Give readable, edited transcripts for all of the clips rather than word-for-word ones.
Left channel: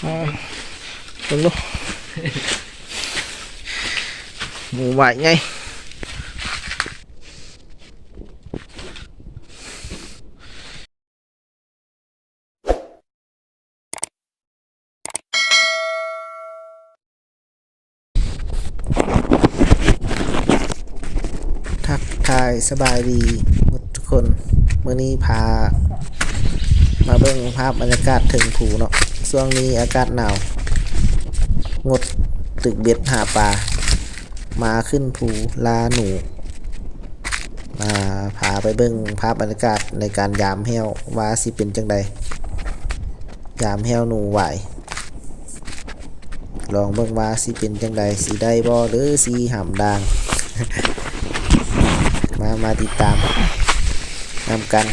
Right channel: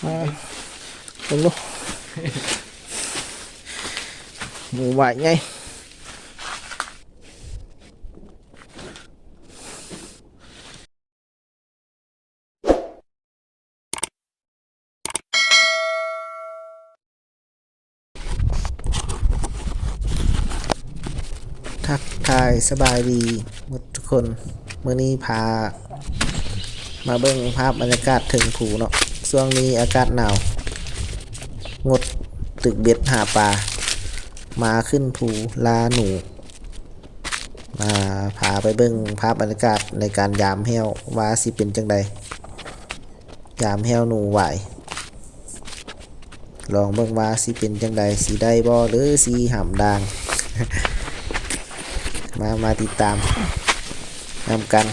ตรงนู้นหมูไหวไงทักทายสบายดีหมดทุกคนเมื่อนี้พามาเบิ่งภาพบรรยากาศถึงผูเนาะช่วงนี้อากาศหนาวงดตึกเบ็ดหาปลามาขึ้นภูลาหนูมาพาไปเบิ่งภาพบรรยากาศในการยามแห้วว่าสิเป็นจังใดยามแห้วหนูไหวลองเบิ่งว่าสิเป็นจังใดสิได้บ่หรือสิห่ำด่าง มาติดตามนำกัน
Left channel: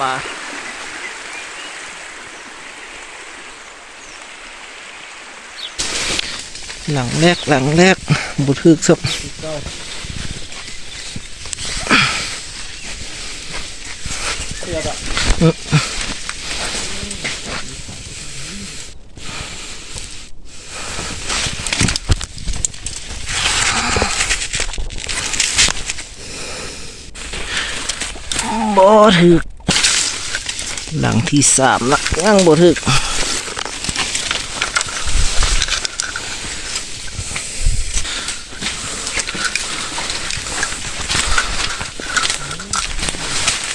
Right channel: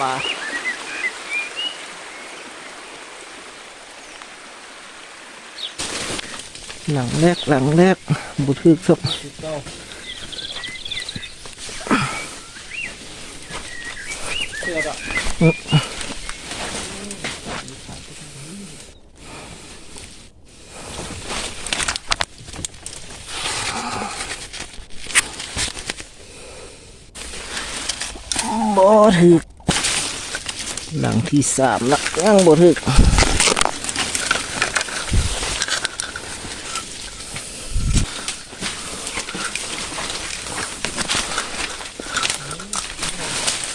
ปลาหลังแรกบุทึกสับบ่ถึกหลังที่3ละยังบ่ถึก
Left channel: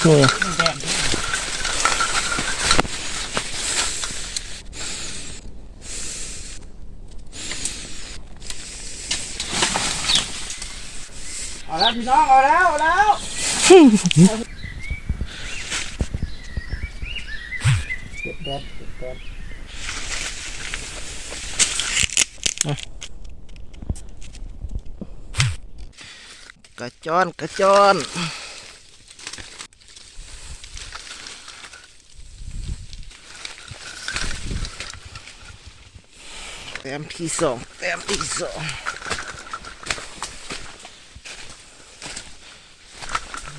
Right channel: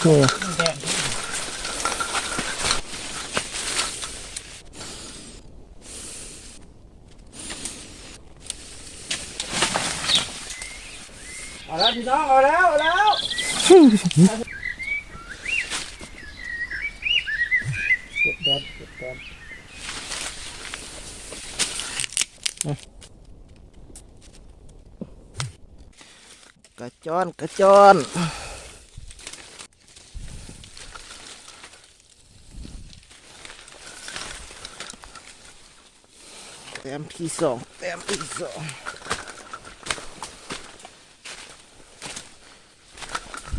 โอ้เอาแล้วพี่น้องเอาแล้ว เก็บแดดกระจอนแต้มที่2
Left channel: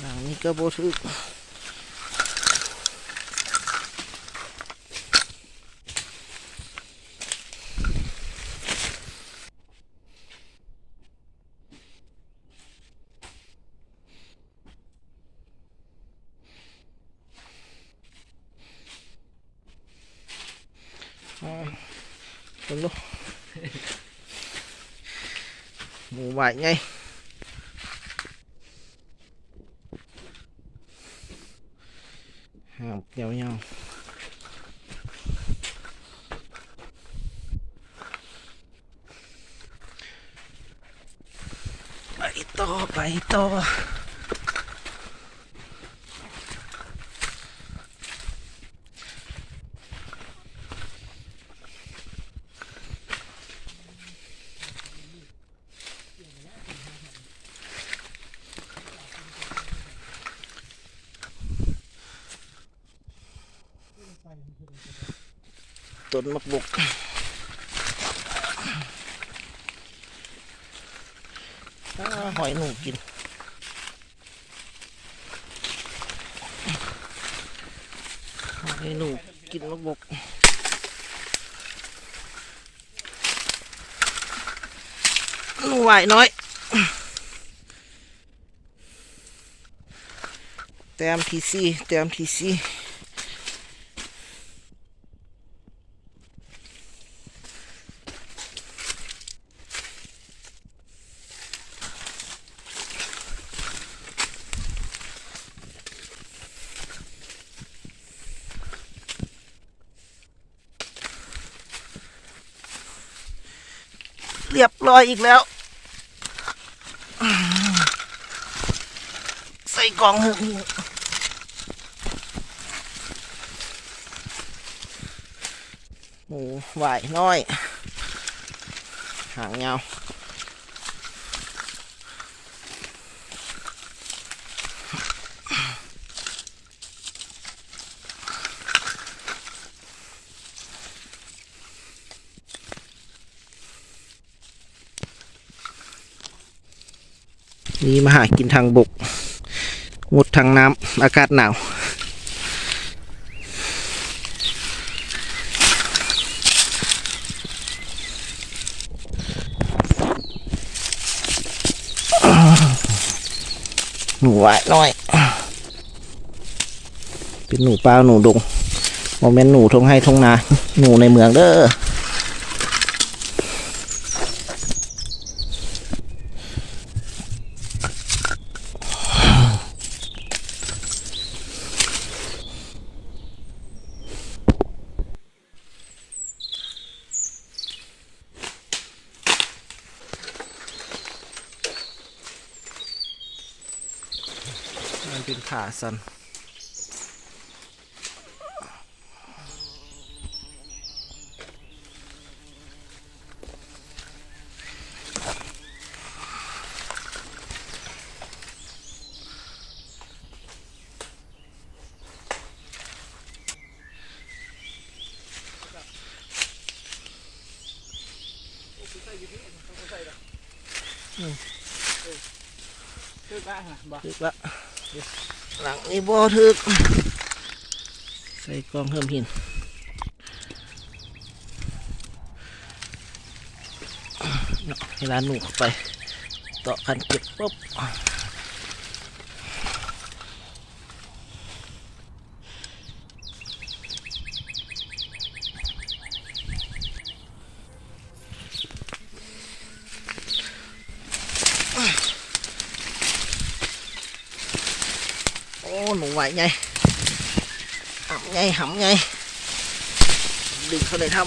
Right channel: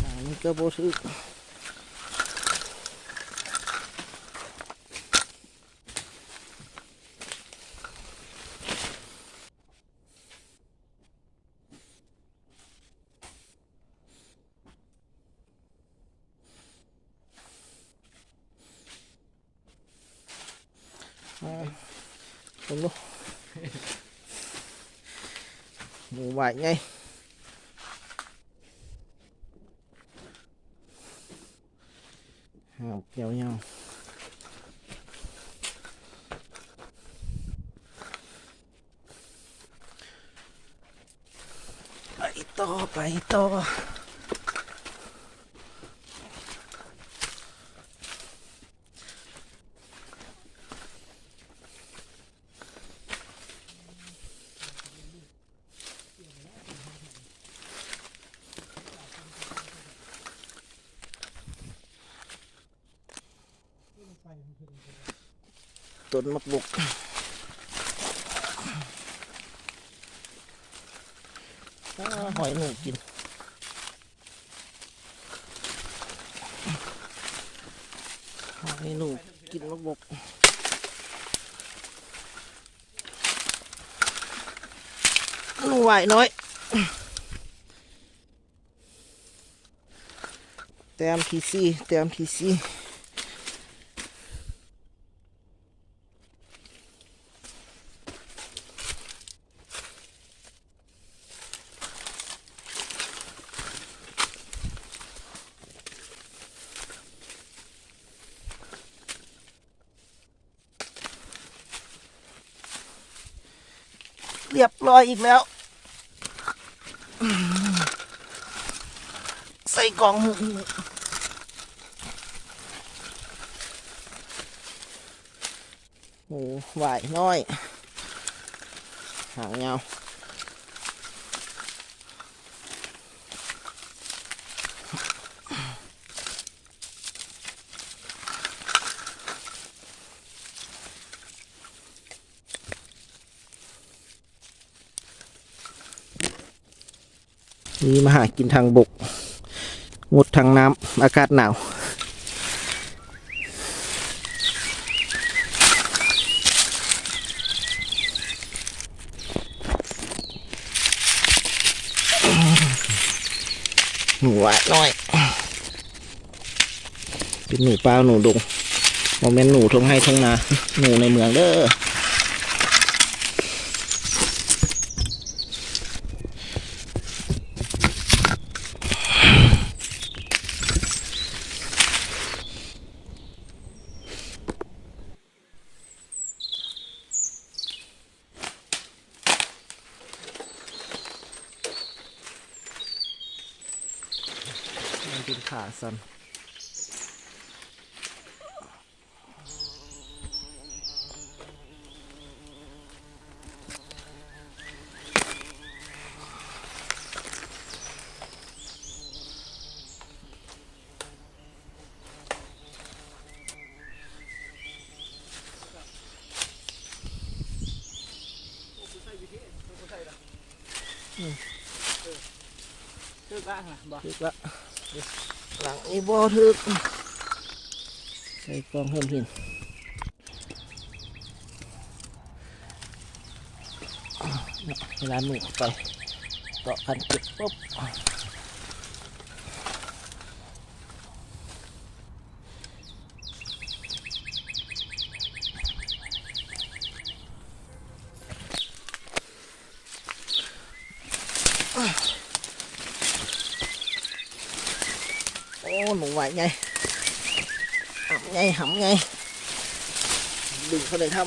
หลังนี้ก็บ่ถึกตรงนู้นหมูไหวไงหางยาวไปต่อต้นมะบุกหอยหนูกินหอยหนูกินมะบุกหนูไหวน้อยแต้มที่สี่เรียบร้อยอีกแล้วใส่กล่องหึ่งหมูไหวน้อยหางยาว นี่มาหากินทางบกงดทางน้ำอากาศหนาวหนูอ่ะน้อยเป็นหนูป่าหนูดงโมเมนต์หนูทงให้ทงนาหนูในเมืองเด้อมันเป็นขาสันตึกละบ่ ถึกละหลังนี้บ่ถึกใส่กล้องเพิ่มหินเวลาหนูเข้าไปต่อคันเก็บปุ๊บโอ้หนูไหวไงหำไงหำไงดึงเขาเลยทำ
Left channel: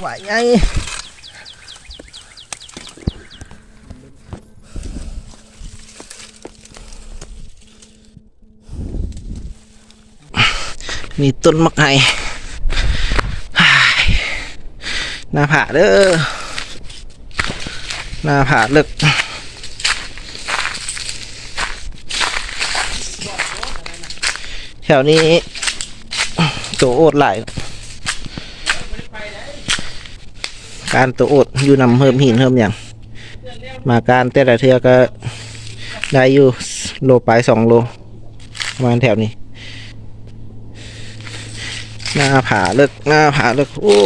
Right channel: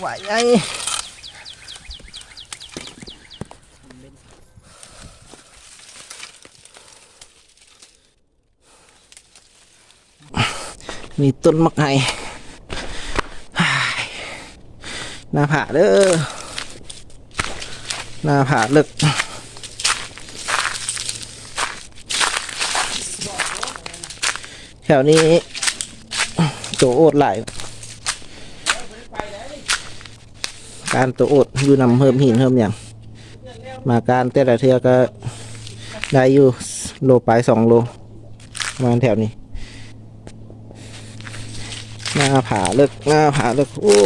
ไหวไงมีต้นมะไห่หน้าผาเด้อหน้าผาเลิกแถวนี้ตัวโอดหลายการตัวโอดอยู่นำเพิ่มหินเพิ่มอย่างมาการแต่ละเทือก็ได้อยู่โลปลาย2 โลประมาณแถวนี้หน้าผาเลิกหน้าผาเลิกโอ้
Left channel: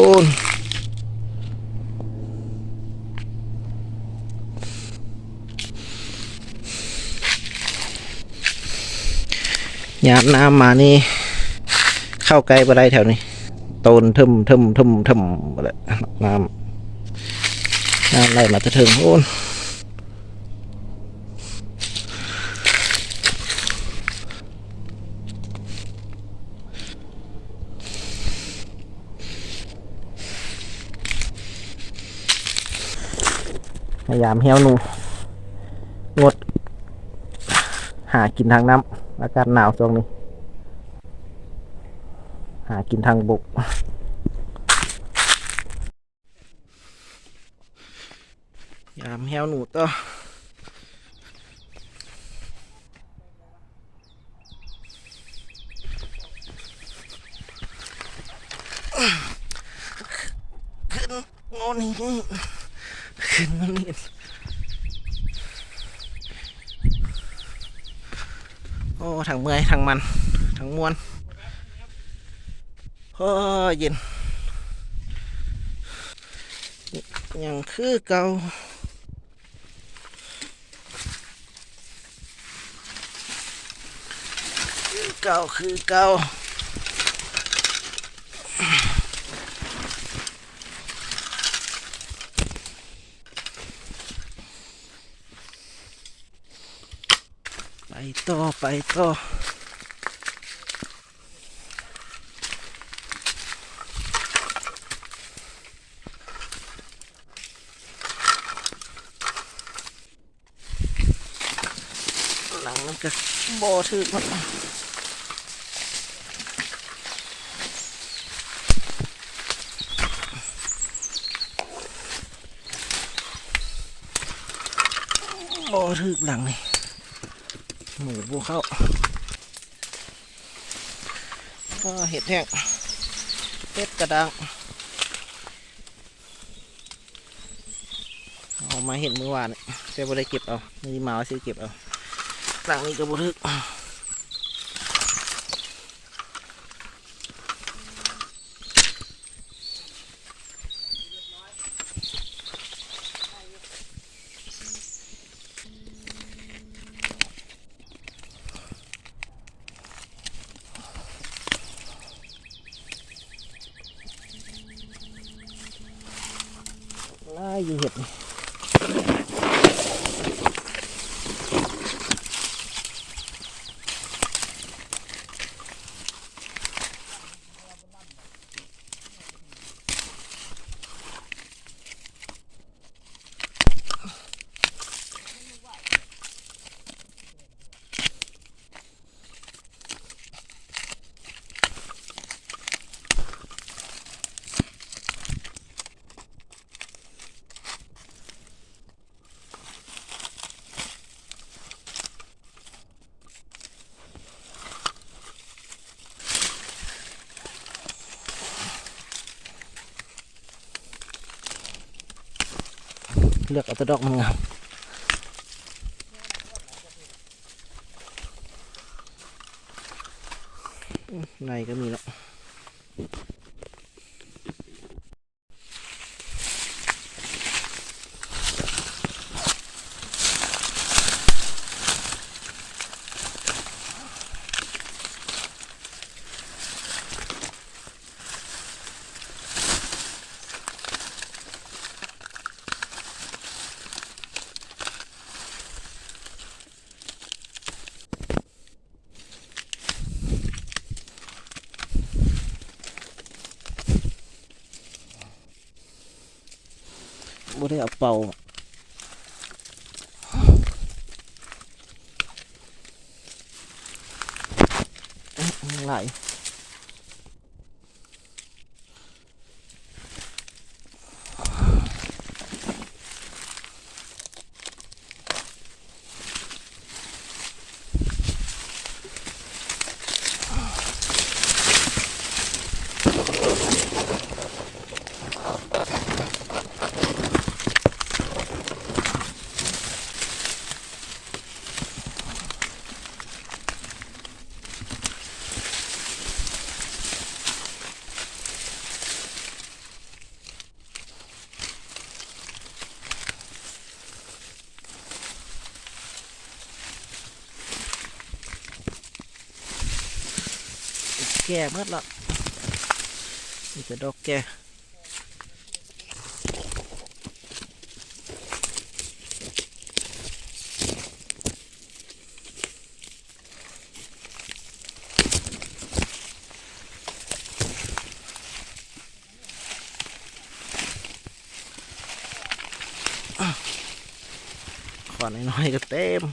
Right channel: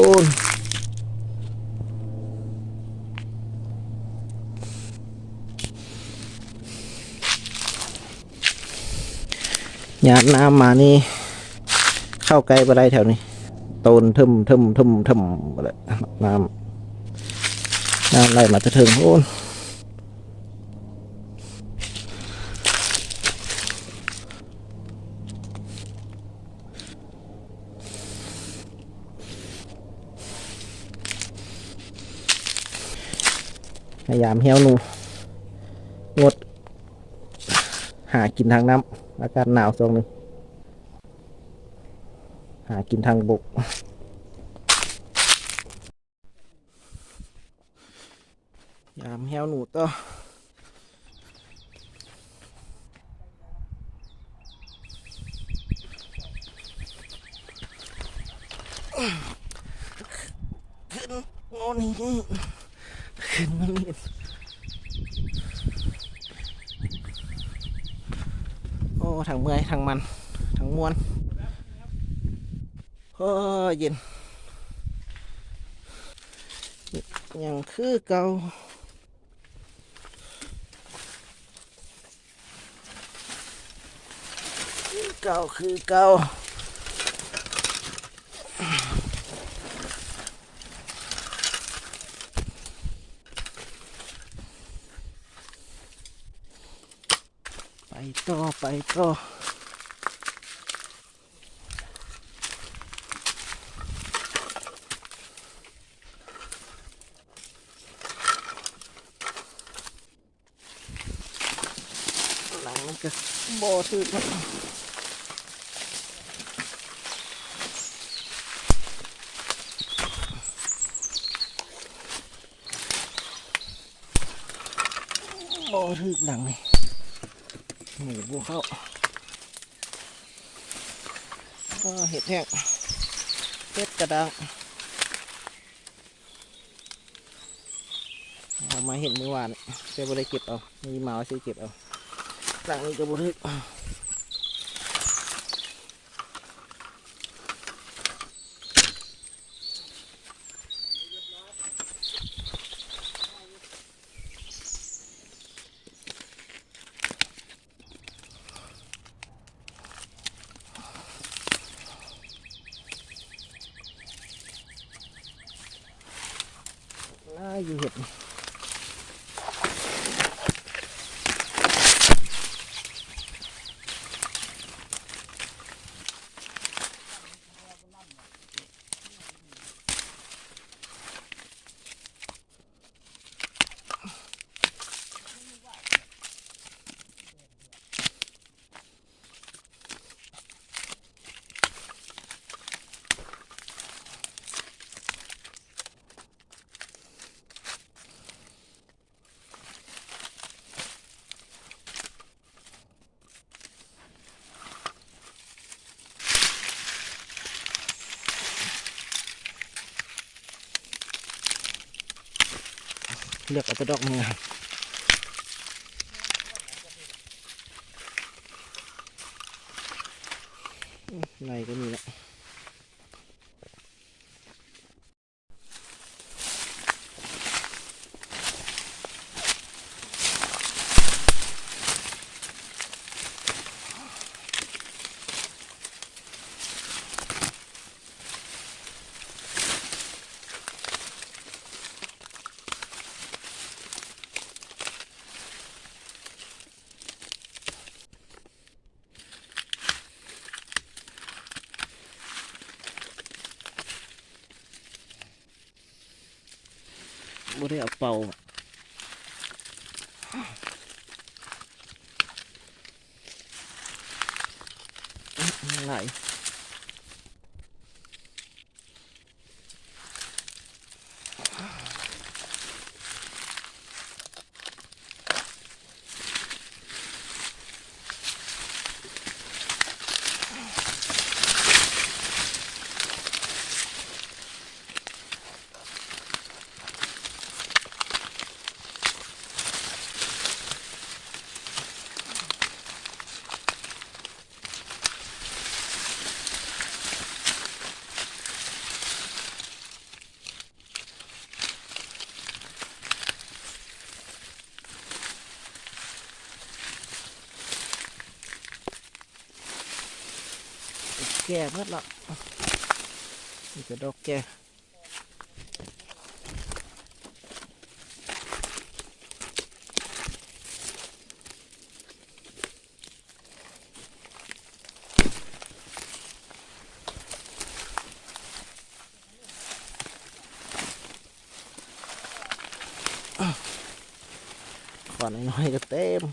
ยามน้ำมานี่เข้าใกล้บ่ได้แถวนี้โตนทึมอะไรน้ำไหลมาจะถึงโอ้นพยายามเหี้ยวหนูงดหากินทางน้ำอากาศหนาวช่วงนี้หากินทางบกยามเหี้ยวหนูต่อขึ้นงอนี่ขึ้นมาเรียนโอ้ทางเมื่อยทางมันทางมวนโอ้เย็นยังคือเก่าคือเก่าไปต่อหลังมันก็บ่ถึกมันบ่ถึกหลังนี่ หมูบัวเข้าเห็ดแห้งเห็ดกระด้างเอามาเห็นเมื่อวานแต่บ่ได้เก็บเอามีหมาซื้อเก็บเอาหลังนี้ก็บ่ทึกอยู่เห็ดเลือกเอาแต่ดอกมันงามในก็มีแล้วบ่ได้เอาเป่าไหลแก่เมื่อละนี่จะดอกแก่ขอน้อยๆก็เต็ม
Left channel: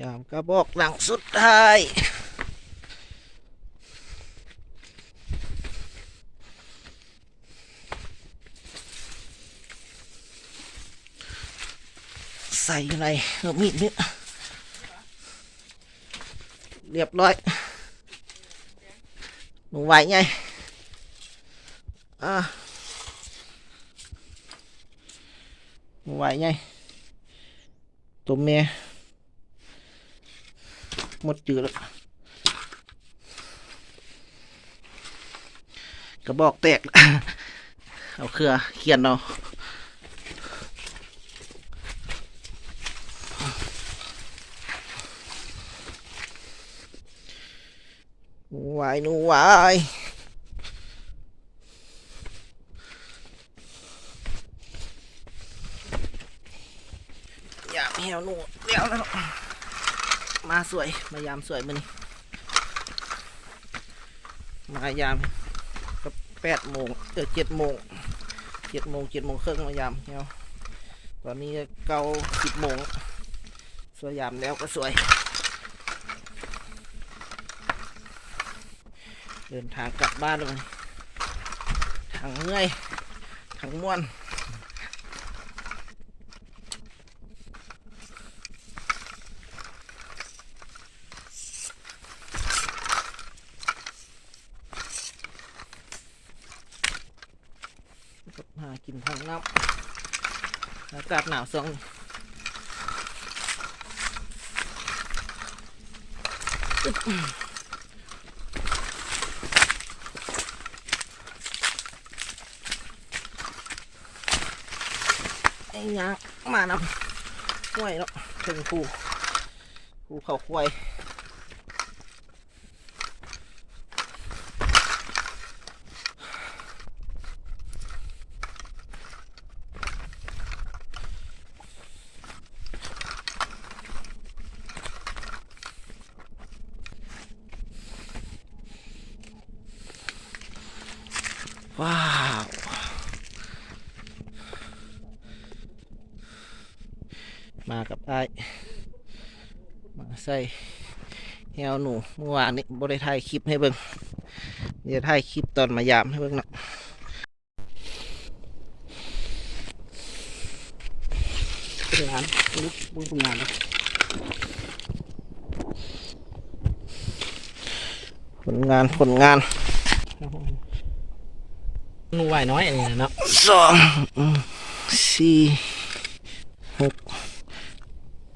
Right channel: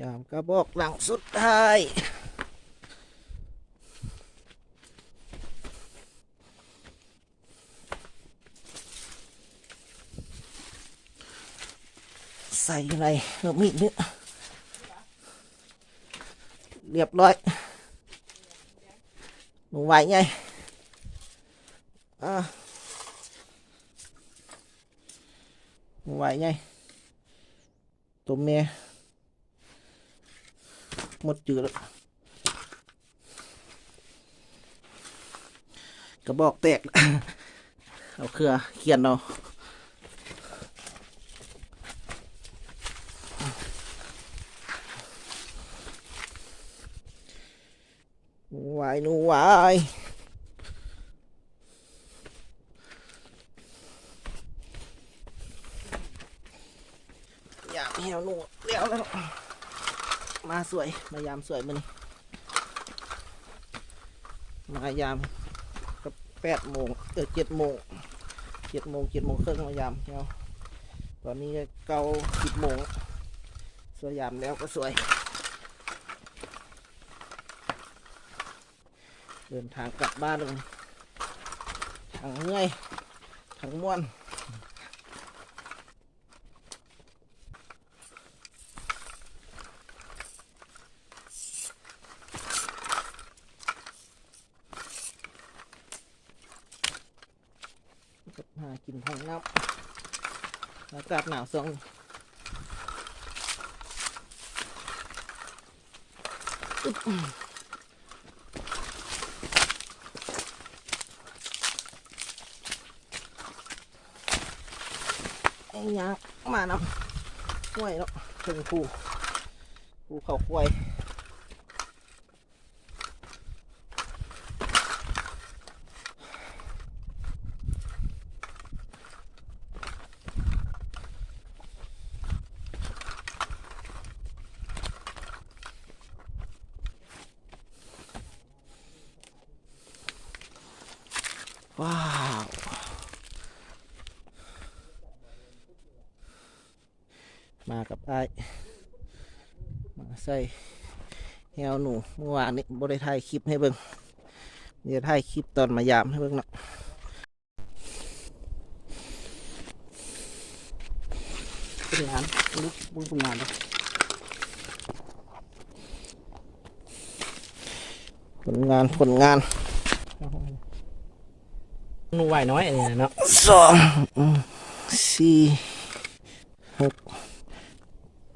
ยามกระบอกหลังสุดท้ายใส่อยู่ในมีดเนี่ยเรียบร้อยหนูไหวไงหนูไหวไงตัวเมียหมดจืดแล้วกระบอกแตก เอาเครือเขียนเอา วายหนูวายยามแหวหนูเดี๋ยวแล้วมาสวยมายามสวยมื้อนี้มายามกับ8 โมง7 โมง7 โมงครึ่งมายามแหวตอนนี้เก้า10 โมงสวยยามแล้วก็สวยเดินทางกลับบ้านเลยทางเมื่อยทางม่วนหากินทางน้ำอากาศหนาวส่งไอ้ยังมานำห้วยเนาะถึงภูเขาควายว้าวมากับไอ้มาใส่แฮวหนูเมื่อวานนี้บริถ่ายคลิปให้เบิ่งเดี๋ยวถ่ายคลิปตอนมายามให้เบิ่งเนาะเป็นงานลุกบุ้งทำงานเนาะผลงานหนูไหวน้อยอันนี้เนาะ2 4 6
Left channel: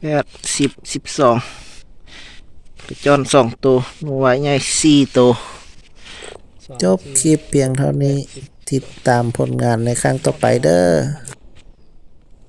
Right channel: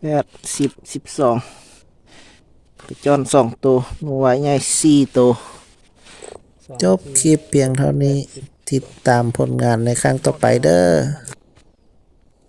8 10 12กระจอน2 ตัวหนูไหวใหญ่4 ตัวจบคลิปเพียงเท่านี้ติดตามผลงานในครั้งต่อไปเด้อ